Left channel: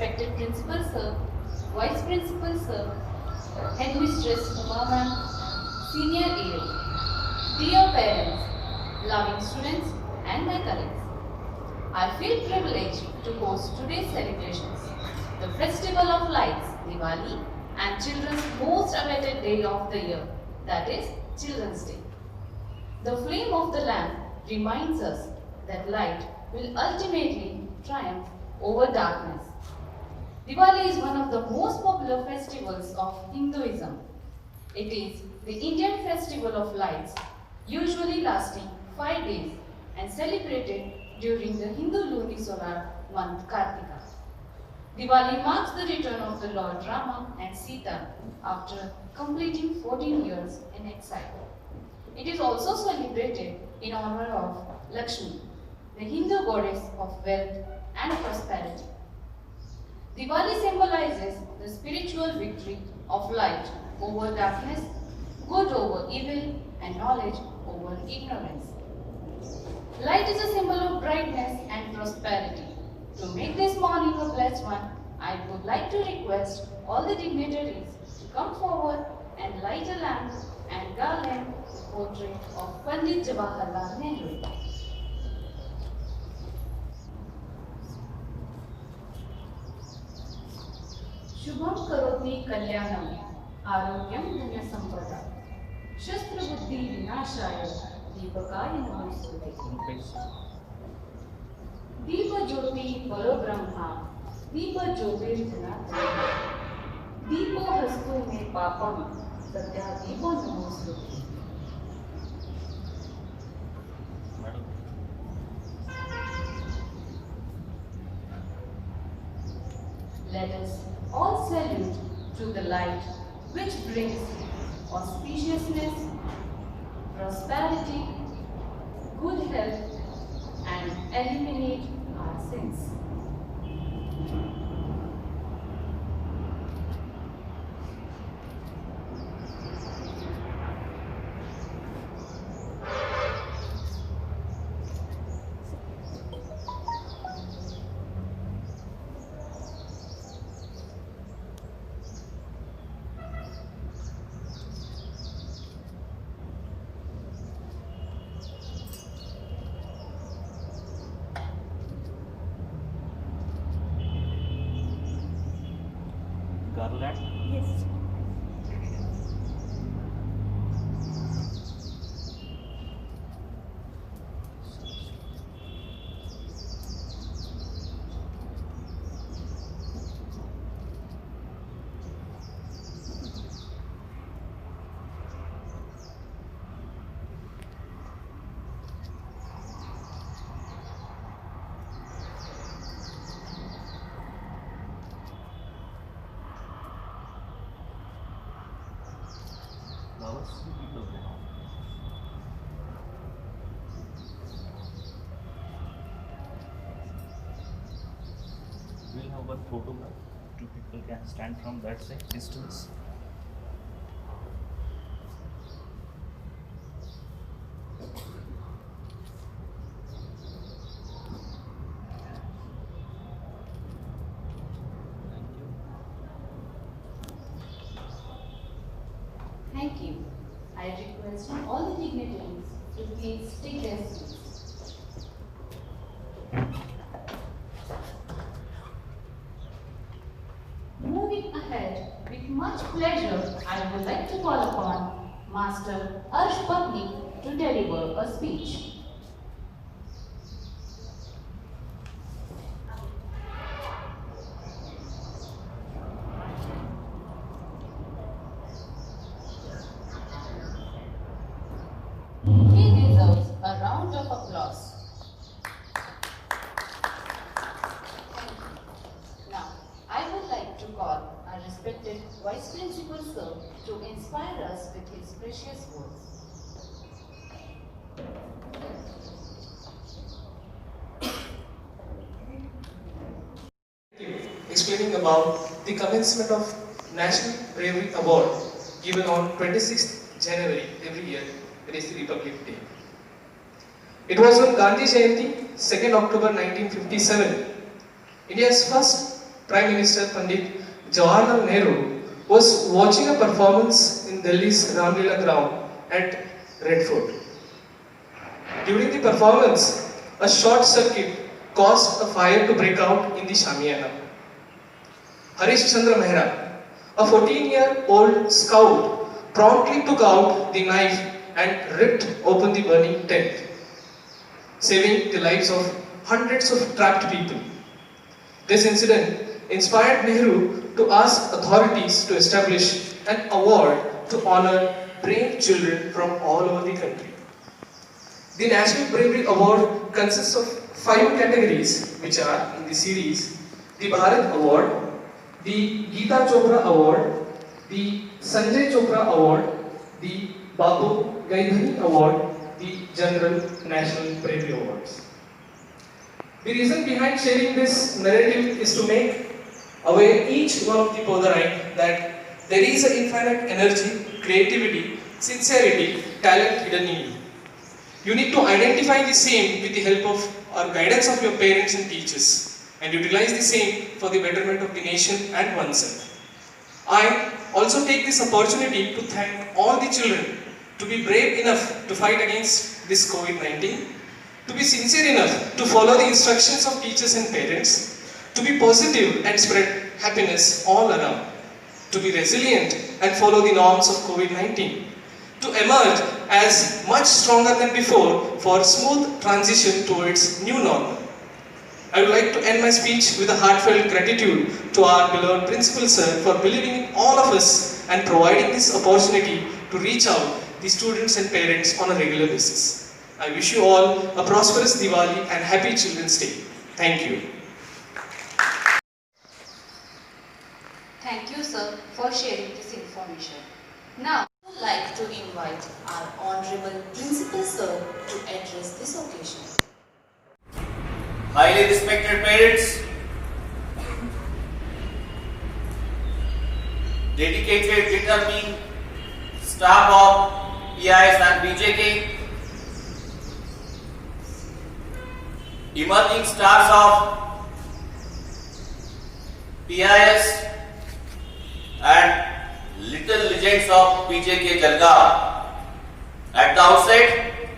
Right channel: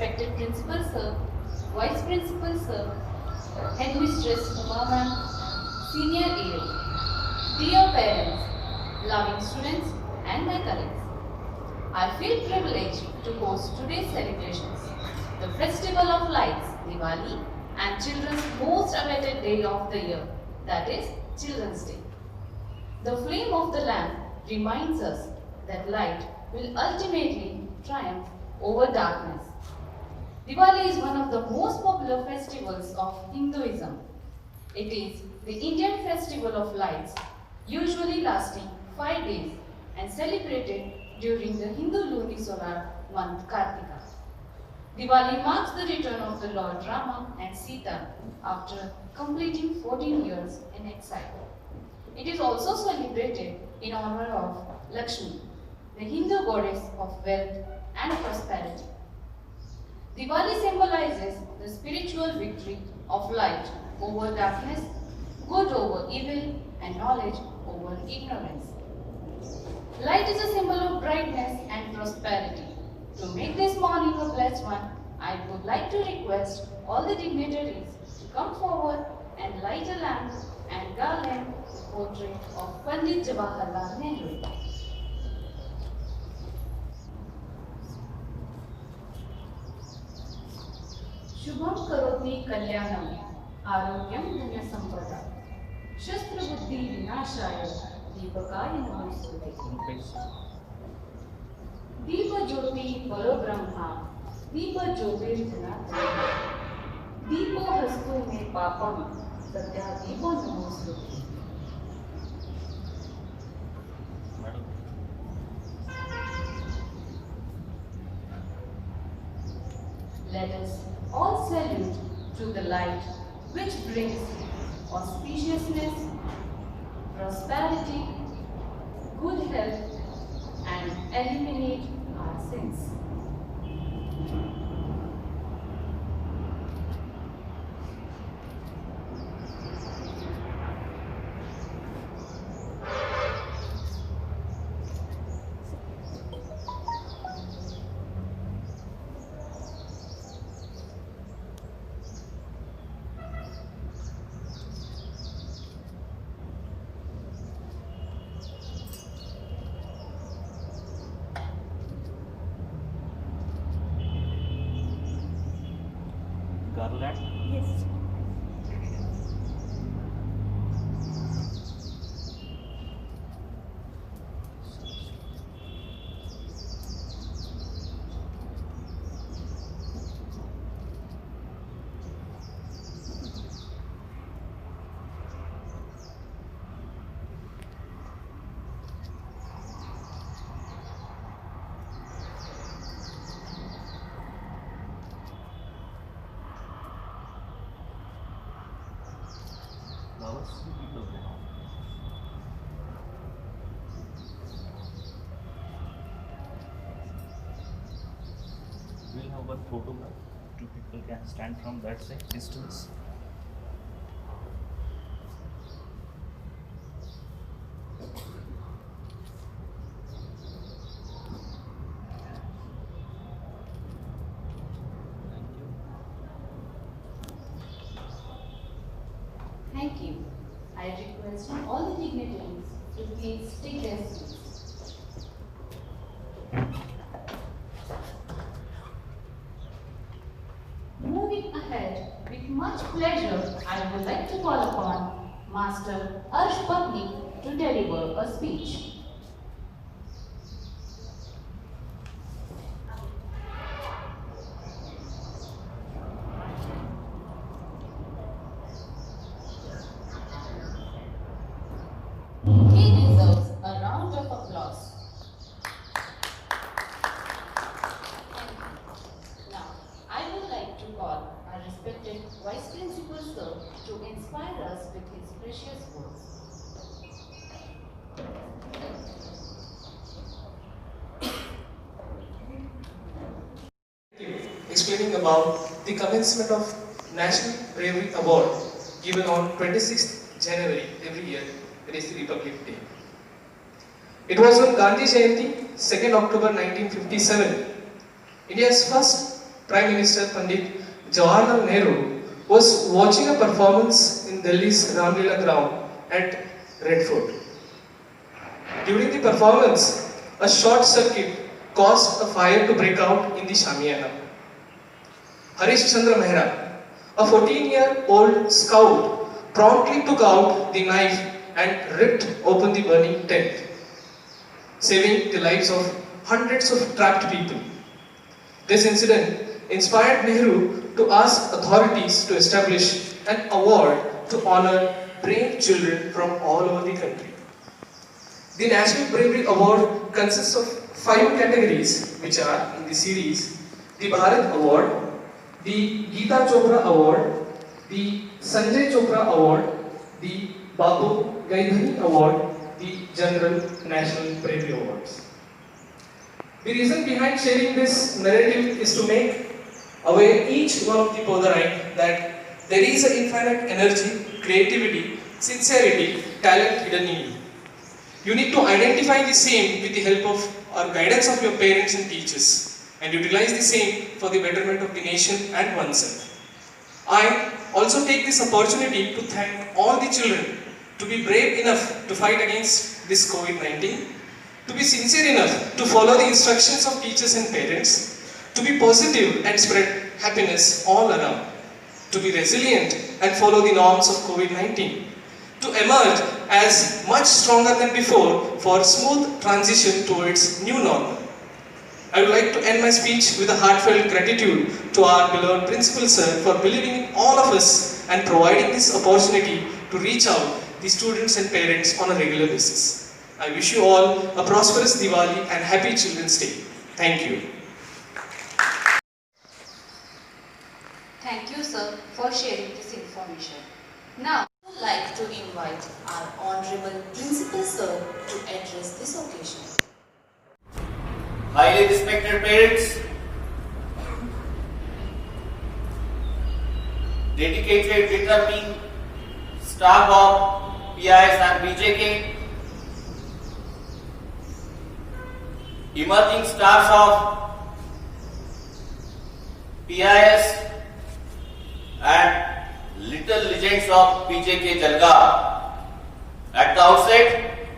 respected Principal Sir, Vice Principal Sir, Headmistress Uma Ma'am, Senior AO, dear parents, loving students, and my colleagues. I feel privileged to host today's celebrations, the Festival of Lights, Diwali, and children's most awaited day of the year, that is Children's Day. The flame of the lamp reminds us that light will ultimately triumph over darkness. Diwali is one of the most popular festivals of Hinduism. It is the Indian festival of lights, usually lasting 5 days and celebrated during the Hindu lunisolar month Kartika. Diwali marks the return of the Lord Rama and Sita after completing 14 years in exile. It is also celebrated in honor of Lakshmi, the Hindu goddess of wealth and prosperity. Diwali symbolizes the spiritual victory of light over darkness, good over evil, and knowledge over ignorance. Light is a symbol of brightness and prosperity. To make this morning a blessed one, I would like to request all the dignitaries to come forward and light a lamp and garland the portrait of Pandit Jawaharlal Nehru. Shubham करोति कल्याणम आरोग्यम धन संपदा शस्त्र बुद्धि विनाशाय दीपकाय नमोस्तुते दीप ज्योति परो ब्रह्मा दीप ज्योतिर्धनात्मक दीपो हस्तु मे पापम सत्या दीपो नमोस्तुते. Let us all salute to the light which brings auspiciousness, prosperity, good health, and eliminate our sins. Garland? Yes. Flowers to people now. We'll have one photograph. Two people can stand from that side, distance. Thank you. I request all the dignitaries to please take their seats. Moving ahead, with much pleasure, I would like to call upon Master Arsh Patni to deliver a speech. He deserves a round of applause. Thank you. Now, I would like to call our respected Vice Principal Sir to inspire us with his precious words. Explaining about the commencement of National Bravery Award given on 26th January every year, that is the Republic Day. It was on Gandhi Jayanti, 2nd October 1957, India's first Prime Minister Pandit Jawaharlal Nehru was watching a performance in Delhi's Ramlila ground at Red Fort. During the performance, a short circuit caused a fire to break out in the Shamiana. Harish Chandra Mehra, a 14-year-old scout, promptly took out the knife and ripped open the burning tent, saving the lives of hundreds of trapped people. This incident inspired Nehru to ask authorities to establish an award to honor brave children from all over the country. The National Bravery Award consists of 5 categories, which are in the series: the Bharat Award, the Geeta Chopra Award, the Sanjay Chopra Award, the Babu Gaidhani Award, the General National Bravery Awards. The reason behind sharing this narrative is to make aware each one of the Podarain that there is an infinite energy, creativity, sincerity, talent hidden in you. You need to identify the same with the help of or guidance of your parents and teachers, and utilize the same for the betterment of the nation and oneself. I also take this opportunity to thank all the children to be brave enough to fight against this COVID-19, to be sincere enough to follow the instructions of teachers and parents, to be positive and spread happiness all around, to be resilient and follow the norms of COVID-19, to emerge as much stronger than before for smooth transition towards new normal. I would like to end my speech with a heartfelt gratitude to our beloved Principal Sir for believing in all of us and providing this opportunity to reach out the students and parents on a regular basis. I wish you all a prosperous Diwali and happy Children's Day. Thank you. Thank you, sir, for sharing this information. Now, I would like to invite our Honorable Principal Sir to address this occasion. Highly respected parents, dedicated, determined staff of PIS and BJK, emerging stars of PIS and little legends of BJK Jalgaon. At the outset,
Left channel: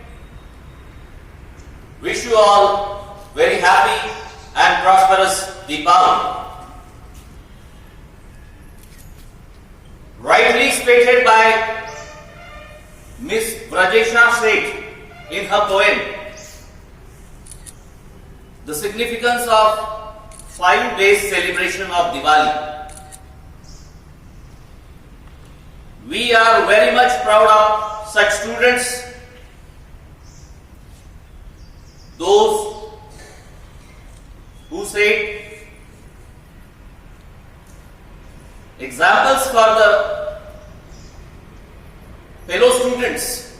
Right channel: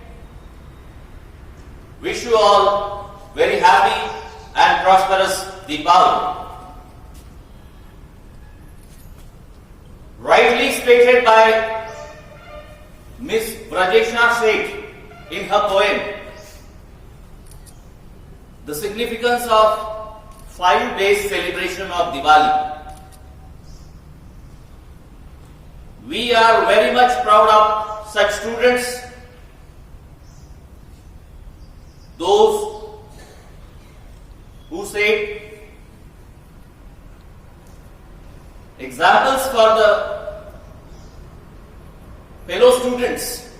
wish you all very happy and prosperous Deepavali. Rightly stated by Miss Brajesha Seth in her poem, the significance of 5 days celebration of Diwali. We are very much proud of such students, those who say examples for the fellow students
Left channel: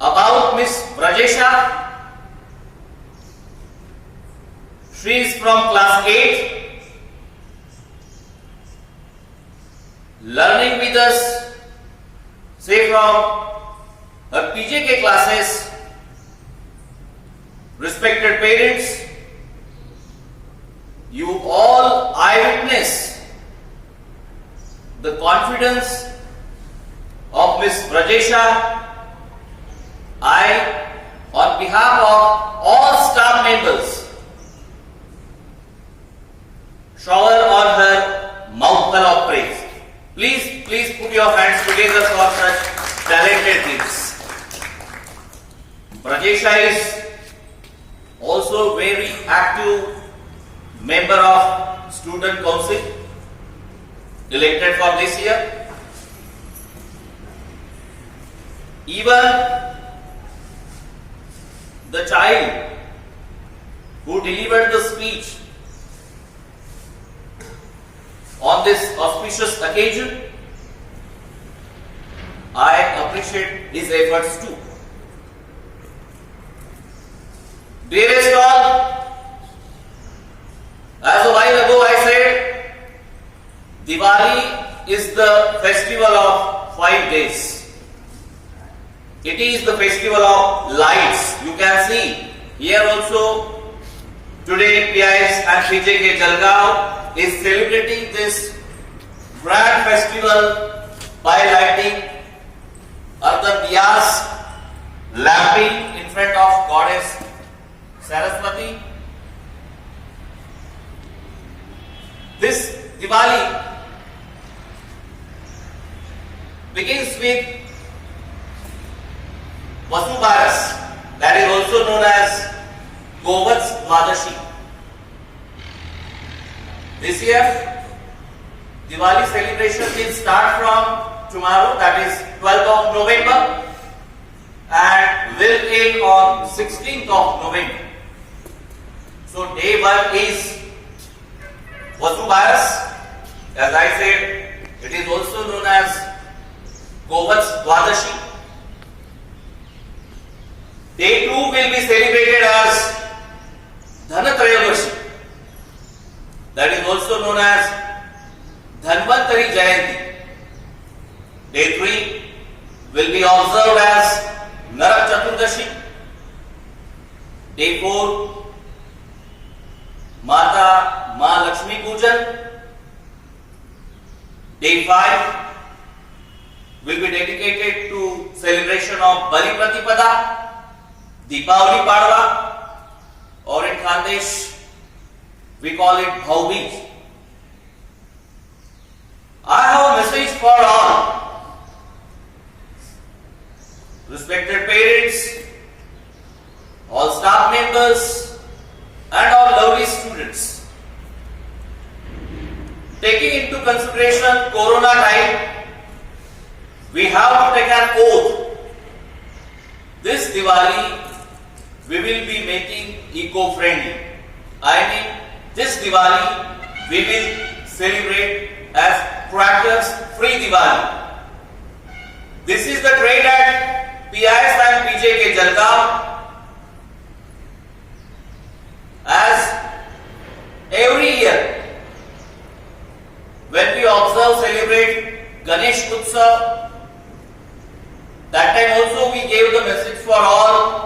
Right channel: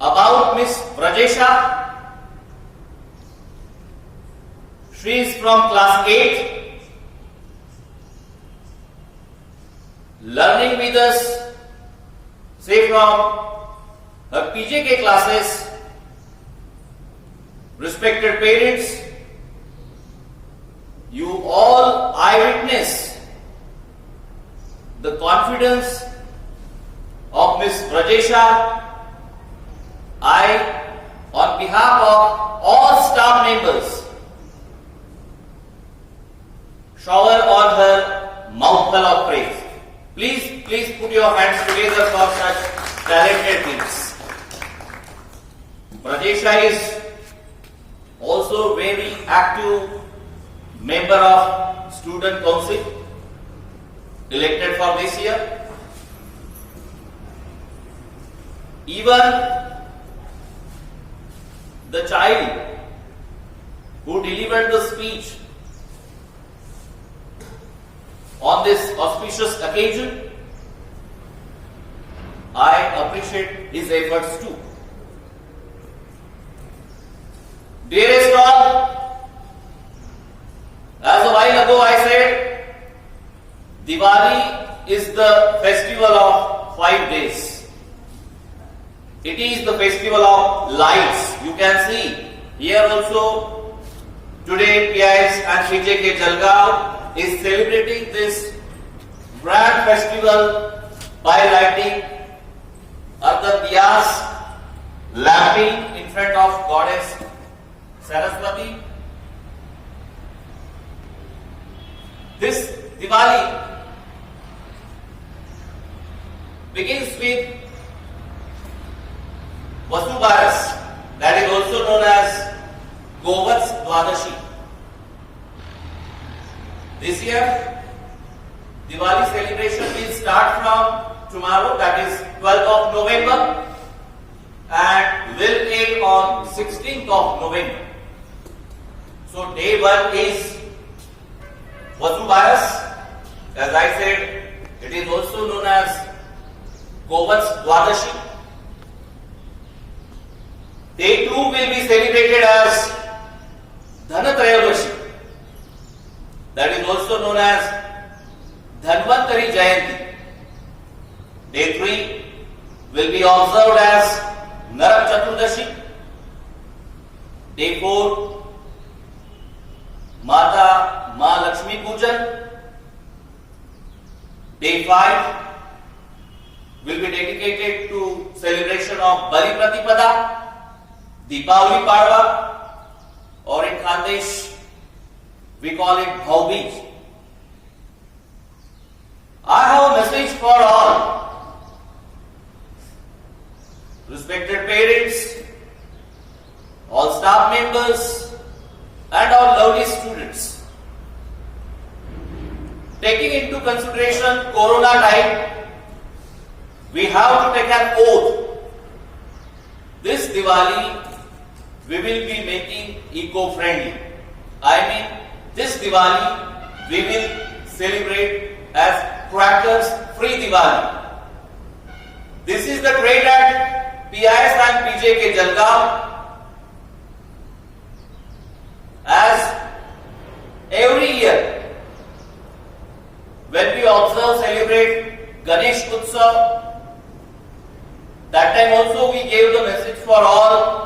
about Miss Brajesha. She is from class 8, learning with us, say from her PJK classes. Respected parents, you all eyewitness the confidence of Miss Brajesha. I, on behalf of all staff members, shower on her mouthful of praise. Please put your hands together for such talented things. Brajesha is also very active member of Student Council, elected for this year. Even the child who delivered the speech on this auspicious occasion, I appreciate his efforts too. Dearest all, as a while ago I said, Diwali is the festival of 5 days. It is the festival of lights. You can see here also Today, PIS and PJK Jalgaon is celebrating this grand festival by lighting earthen diyas, lamping in front of Goddess Saraswati. This Diwali begins with Vasubaras, that is also known as Govats Dwadashi. This year, Diwali celebration will start from tomorrow, that is 12th of November, and will end on 16th of November. So day 1 is Vasubaras. As I said, it is also known as Govats Dwadashi. Day 2 will be celebrated as Dhanatrayadashi. That is also known as Dhanvantari Jayanti. Day 3 will be observed as Narak Chaturdashi. Day 4, Mata Ma Lakshmi Pujan. Day 5 will be dedicated to celebration of Bali Pratipada, Deepavali Padwa, or in Khandesh we call it Bhau Beej. I have a message for all. Respected parents, all staff members, and all lovely students. Taking into consideration Corona time, we have to take an oath. This Diwali, we will be making eco-friendly. I mean, this Diwali, we will celebrate as crackers-free Diwali. This is the trade at PIS and PJK Jalgaon. As every year, when we observe, celebrate Ganesh Utsav, that time also we gave the message for all.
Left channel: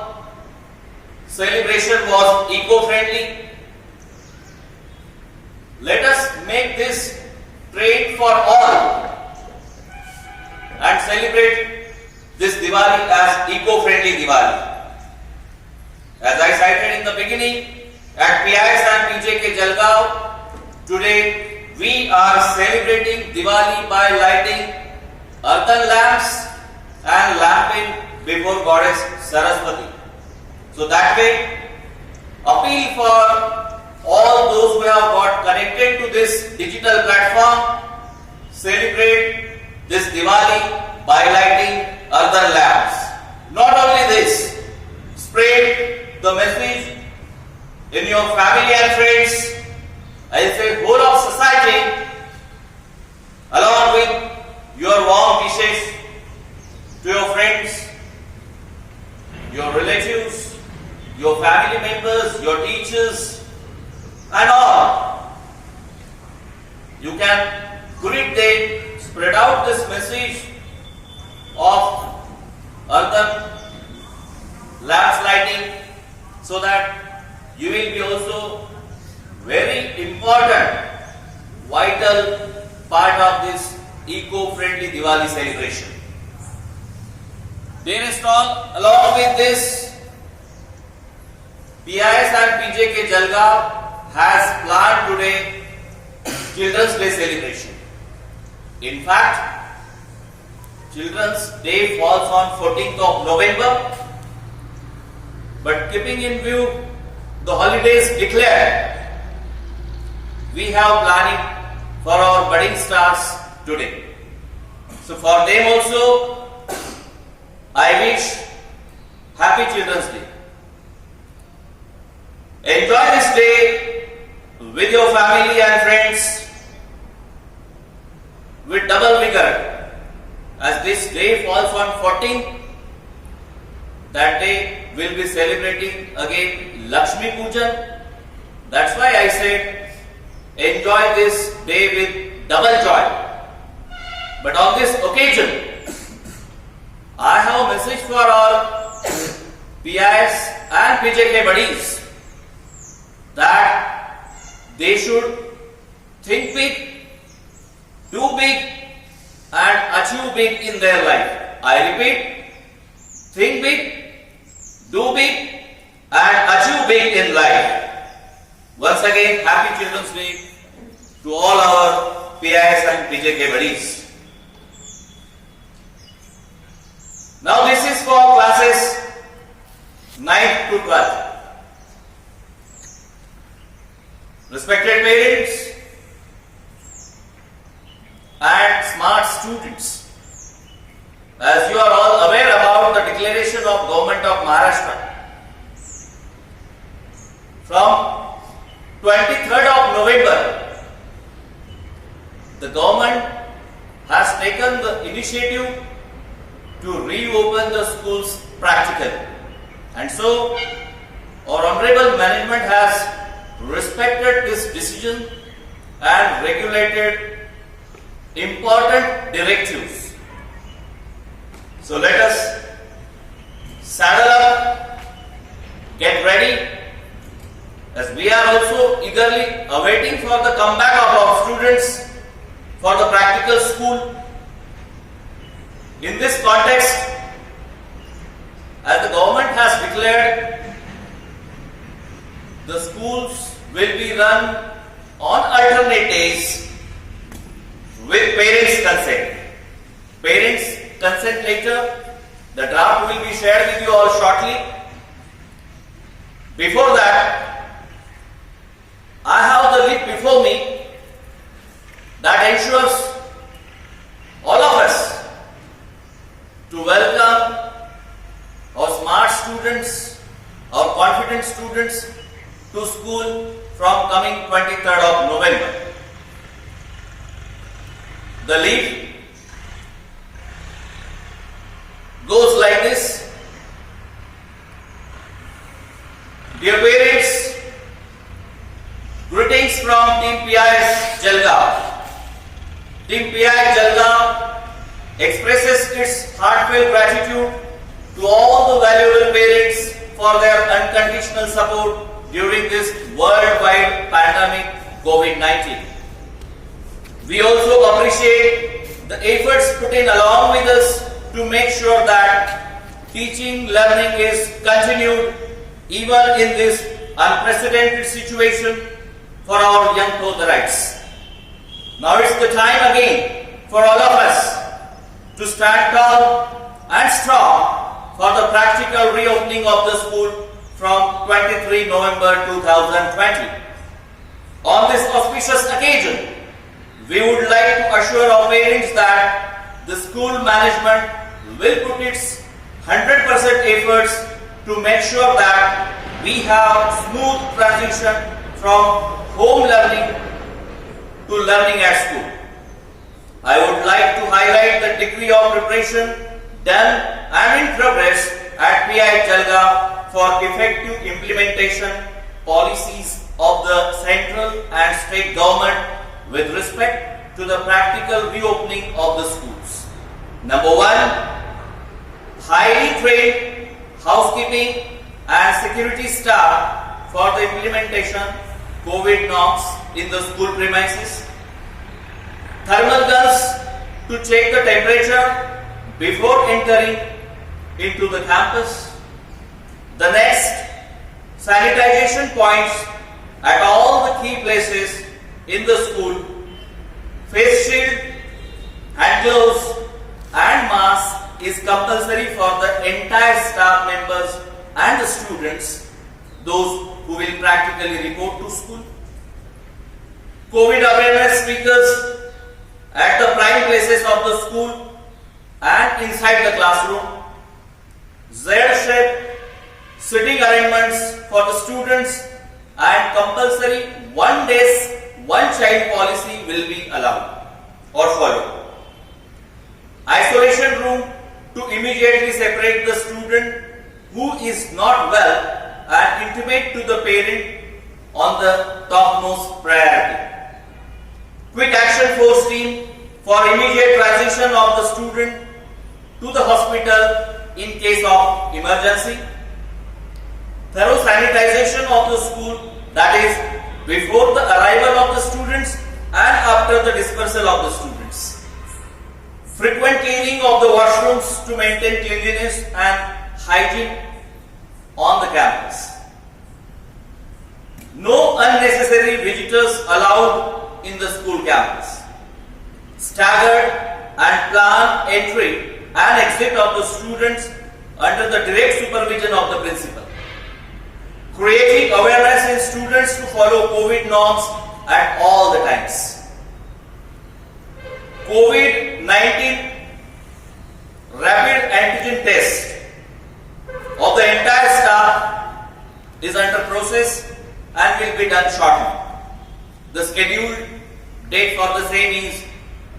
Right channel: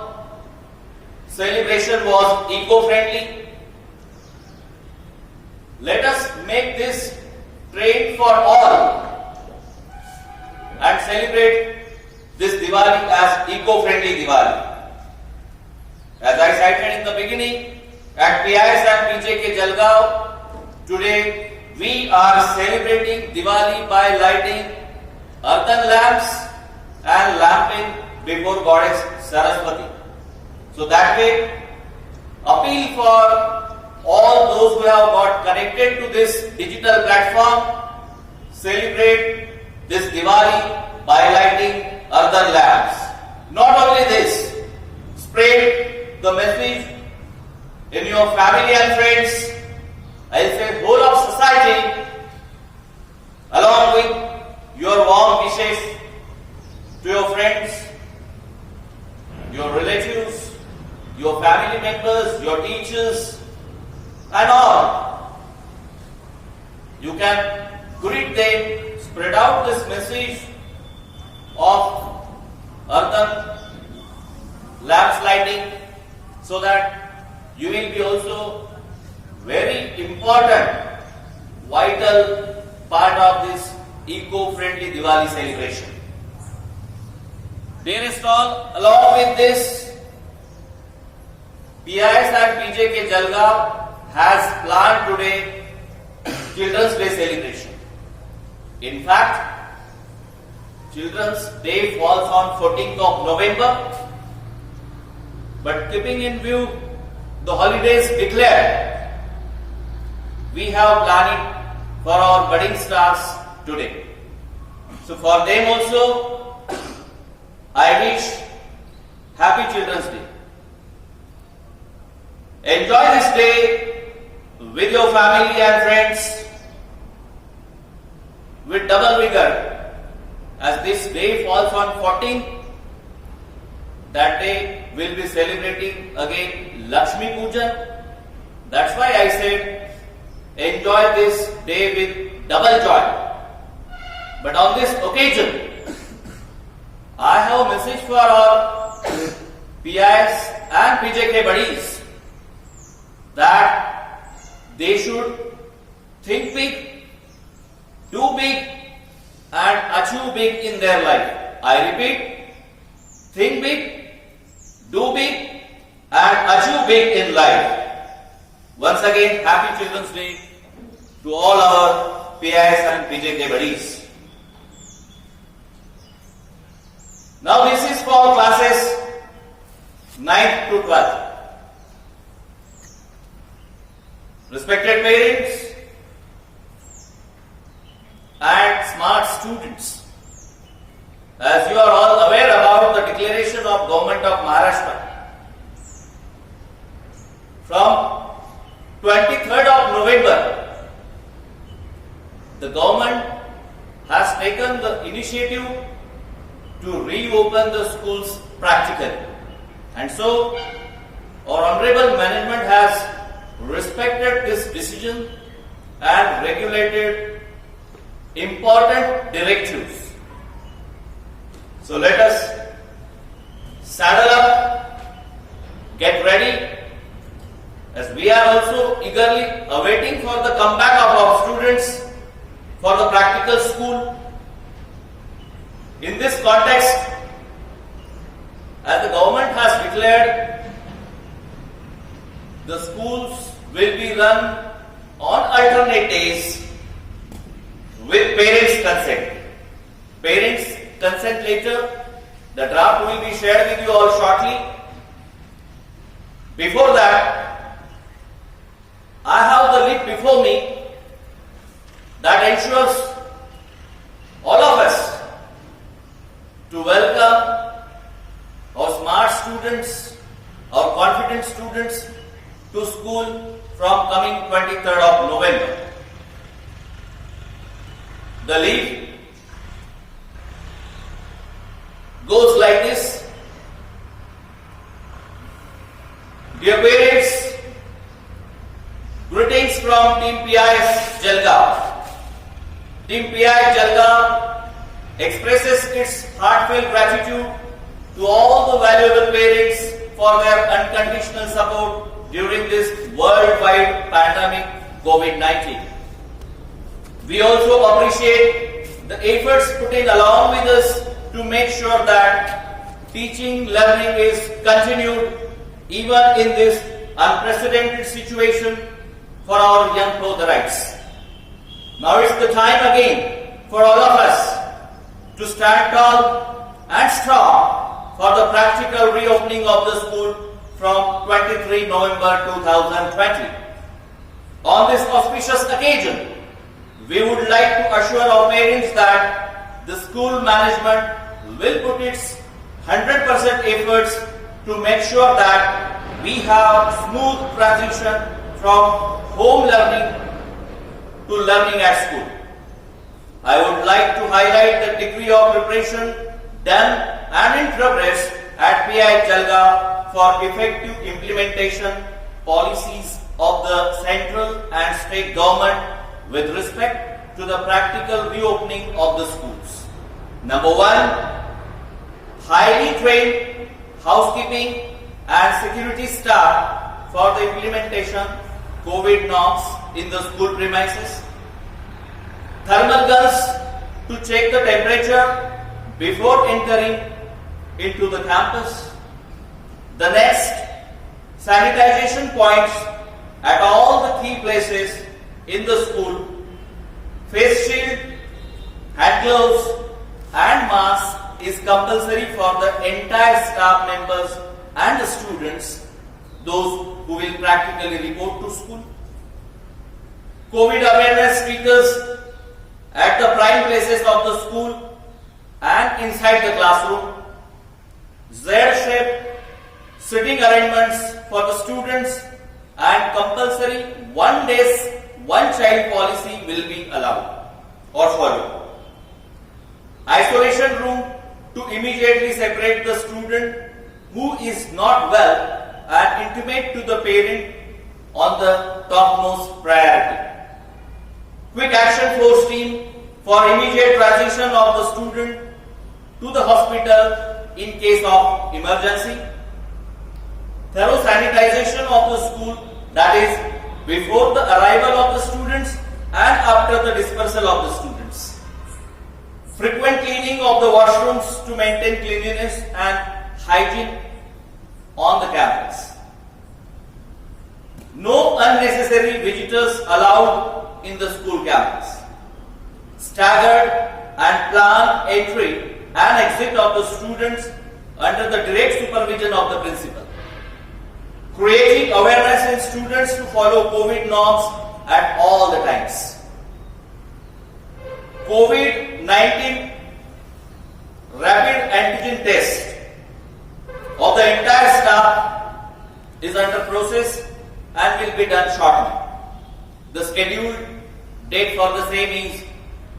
Celebration was eco-friendly. Let us make this trade for all and celebrate this Diwali as eco-friendly Diwali. As I cited in the beginning, at PIS and PJK Jalgaon, today we are celebrating Diwali by lighting earthen lamps and lamping before Goddess Saraswati. So that way, appeal for all those who have got connected to this digital platform, celebrate this Diwali by lighting earthen lamps. Not only this, spread the message in your family and friends, I say whole of society, along with your warm wishes to your friends, your relatives, your family members, your teachers, and all. You can greet them, spread out this message of earthen lamps lighting, so that you will be also very important, vital part of this eco-friendly Diwali celebration. Dearest all, along with this, PIS and PJK Jalgaon has planned today Children's Day celebration. In fact, Children's Day falls on 14th of November, but keeping in view the holidays declared, we have planning for our budding stars today. So for them also, I wish Happy Children's Day. Enjoy this day with your family and friends with double vigor, as this day falls on 14th. That day we'll be celebrating again Lakshmi Pujan. That's why I said enjoy this day with double joy. But on this occasion, I have a message for all PIS and PJK buddies. that they should think big, do big, and achieve big in their life. I repeat, think big, do big, and achieve big in life. Once again, Happy Children's Day to all our PIS and PJK buddies. Now this is for classes 9th to 12th. Respected parents and smart students, as you are all aware about the declaration of Government of Maharashtra from 23rd of November, the government has taken the initiative to reopen the schools practically. And so, our honorable management has respected this decision and regulated important directives. So let us saddle up, get ready, as we are also eagerly awaiting for the comeback of our students for the practical school. In this context, as the government has declared, the schools will be run on alternate days with parents' consent. Parents' consent letter, the draft will be shared with you all shortly. Before that, I have the list before me that ensures all of us to welcome our smart students, our confident students to school from coming 23rd of November. The leaf goes like this. Dear parents, greetings from Team PIS Jalgaon. Team PIS Jalgaon expresses its heartfelt gratitude to all the valuable parents for their unconditional support during this worldwide pandemic COVID-19. We also appreciate the efforts put in along with us to make sure that teaching learning is continued even in this unprecedented situation for our young Prodharites. Now it's the time again for all of us to stand tall and strong for the practical reopening of the school from 23 November 2020. On this auspicious occasion, we would like to assure our parents that the school management will put its 100% efforts to make sure that we have smooth transition from home learning to learning at school. I would like to highlight the degree of preparation done and in progress at PI Jalgaon for effective implementation policies of the central and state government with respect to the practical reopening of the schools. Number one, highly trained housekeeping and security staff for the implementation COVID norms in the school premises. Thermal guns to check the temperature before entering into the campus. The next, sanitization points at all the key places in the school. Face shield, hand gloves and mask is compulsory for the entire staff members and the students, those who will practically report to school. COVID awareness speakers at the prime places of the school and inside the classroom. Z-shaped sitting arrangements for the students and compulsory one desk, one child policy will be allowed or followed. Isolation room to immediately separate the student who is not well and intimate to the parent on the topmost priority. Quick action force team for immediate transition of the student to the hospital in case of emergency. Thorough sanitization of the school that is, before the arrival of the students and after the dispersal of the students. Frequent cleaning of the washrooms to maintain cleanliness and hygiene on the campus. No unnecessary visitors allowed in the school campus. Staggered and planned entry and exit of the students under the direct supervision of the principal. Creating awareness in students to follow COVID norms at all the times. COVID-19 rapid antigen test of the entire staff is under process and will be done shortly. The scheduled date for the same is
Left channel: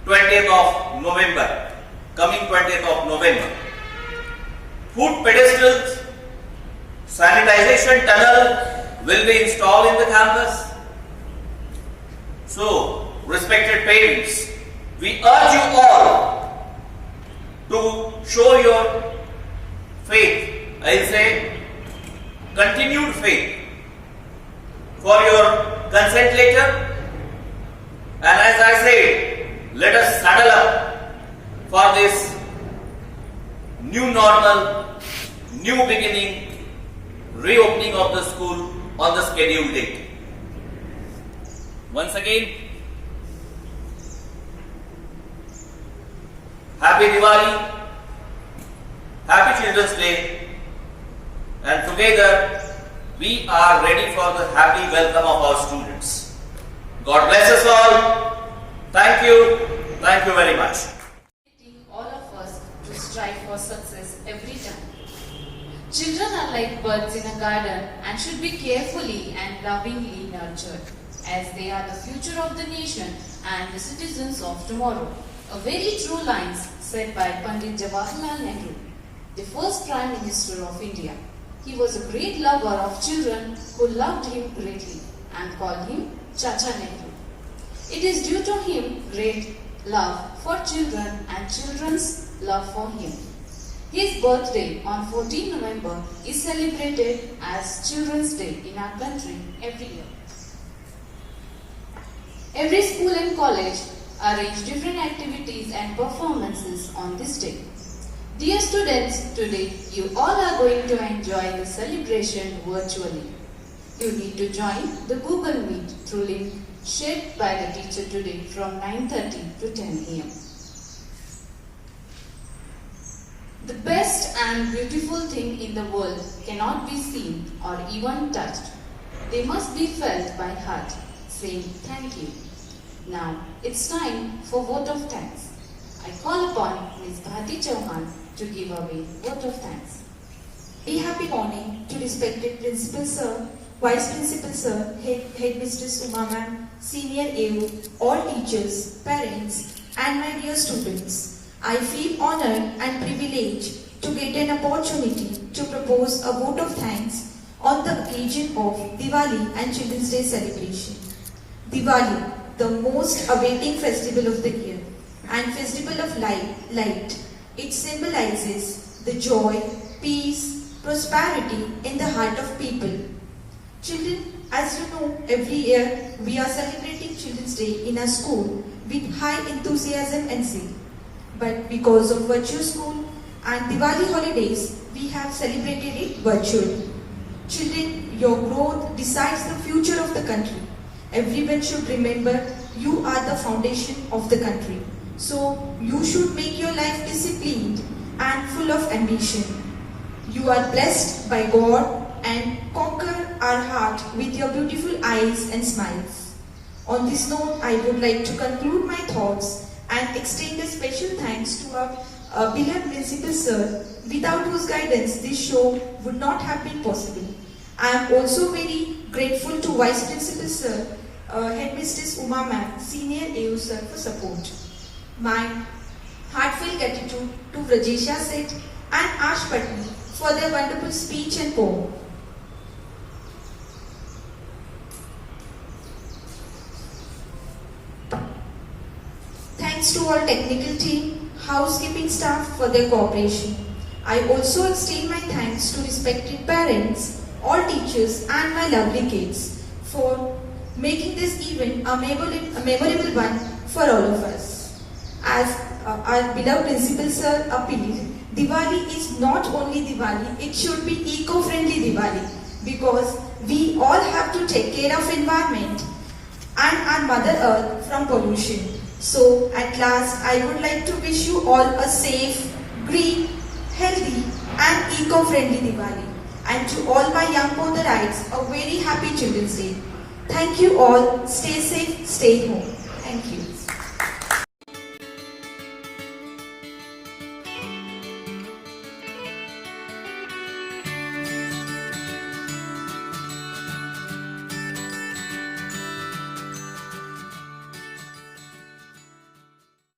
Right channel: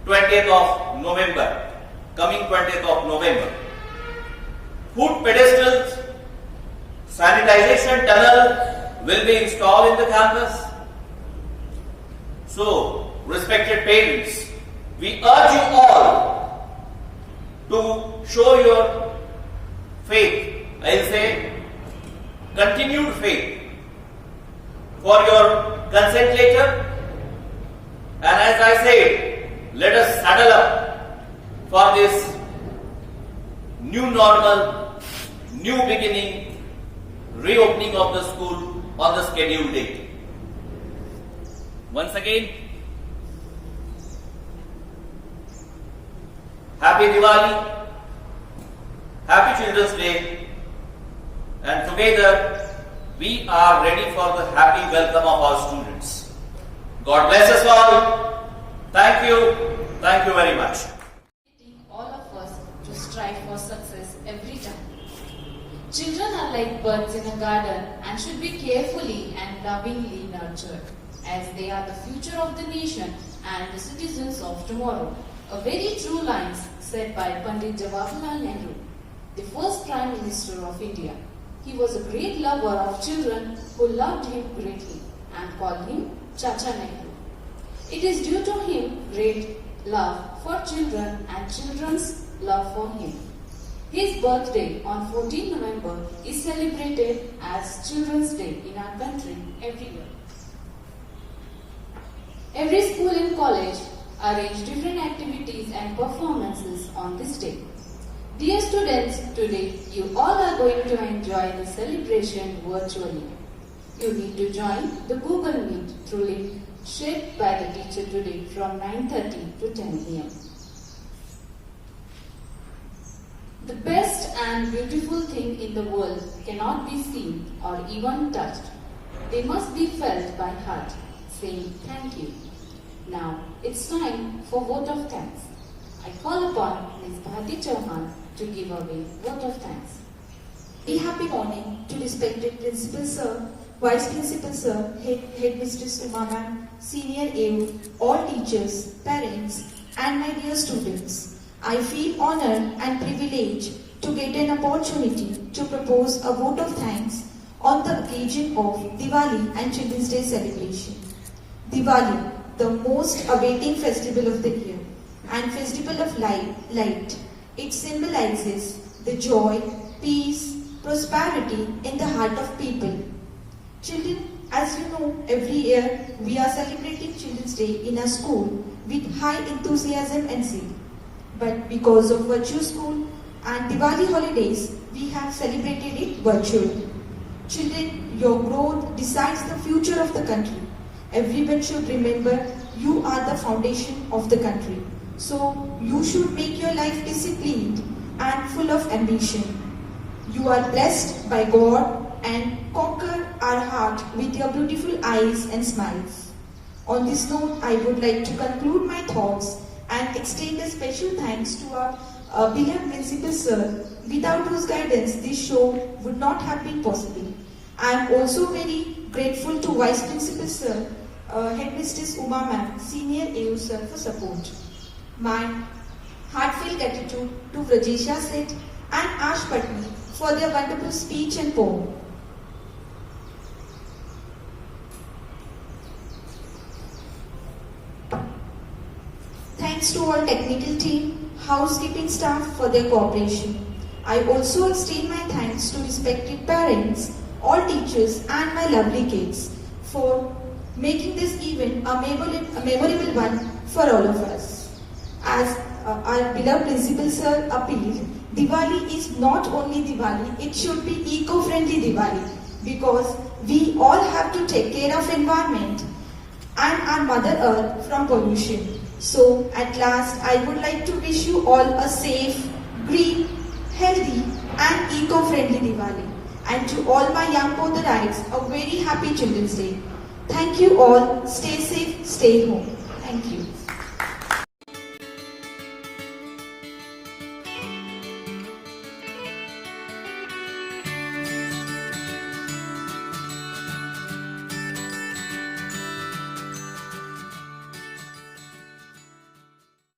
20th of November, coming 20th of November. Foot pedestals, sanitization tunnel will be installed in the campus. So, respected parents, we urge you all to show your faith, I'll say continued faith, for your consent letter, and as I said, let us saddle up for this new normal, new beginning, reopening of the school on the scheduled date. Once again, Happy Diwali, Happy Children's Day, and together we are ready for the happy welcome of our students. God bless us all. Thank you very much. All of us to strive for success every time. Children are like birds in a garden and should be carefully and lovingly nurtured, as they are the future of the nation and the citizens of tomorrow. A very true lines said by Pandit Jawaharlal Nehru, the first Prime Minister of India. He was a great lover of children who loved him greatly and called him Chacha Nehru. It is due to him great love for children and children's love for him. His birthday on 14 November is celebrated as Children's Day in our country every year. Every school and college arrange different activities and performances on this day. Dear students, today you all are going to enjoy the celebration virtually. You need to join the Google Meet through link shared by the teacher today from 9:30 to 10 am. The best and beautiful thing in the world cannot be seen or even touched. They must be felt by heart, saying thank you. Now it's time for vote of thanks. I call upon Ms. Bharti Chauhan to give away vote of thanks. A happy morning to respected Principal Sir, Vice Principal Sir, Headmistress Uma Ma'am, Senior AU, all teachers, parents, and my dear students. I feel honored and privileged to get an opportunity to propose a vote of thanks on the occasion of Diwali and Children's Day celebration. Diwali, the most awaiting festival of the year and festival of light. It symbolizes the joy, peace, prosperity in the heart of people. Children, as you know, every year we are celebrating Children's Day in our school with high enthusiasm and zeal. But because of Virtue School and Diwali holidays, we have celebrated it virtually. Children, your growth decides the future of the country. Everyone should remember you are the foundation of the country. So you should make your life disciplined and full of ambition. You are blessed by God and conquer our heart with your beautiful eyes and smiles. On this note, I would like to conclude my thoughts and extend a special thanks to our beloved Principal Sir, without whose guidance this show would not have been possible. I am also very grateful to Vice Principal Sir, Headmistress Uma Ma'am, Senior AU Sir for support. My heartfelt gratitude to Rajesha Seth and Ash Patni for their wonderful speech and poem. Thanks to our technical team, housekeeping staff for their cooperation. I also extend my thanks to respected parents, all teachers and my lovely kids for making this event a memorable one for all of us. As our beloved Principal Sir appealed, Diwali is not only Diwali, it should be eco-friendly Diwali, because we all have to take care of environment and our Mother Earth from pollution. So at last, I would like to wish you all a safe, green, healthy and eco-friendly Diwali. And to all my young Podarites, a very happy Children's Day. Thank you all. Stay safe, stay home. Thank you.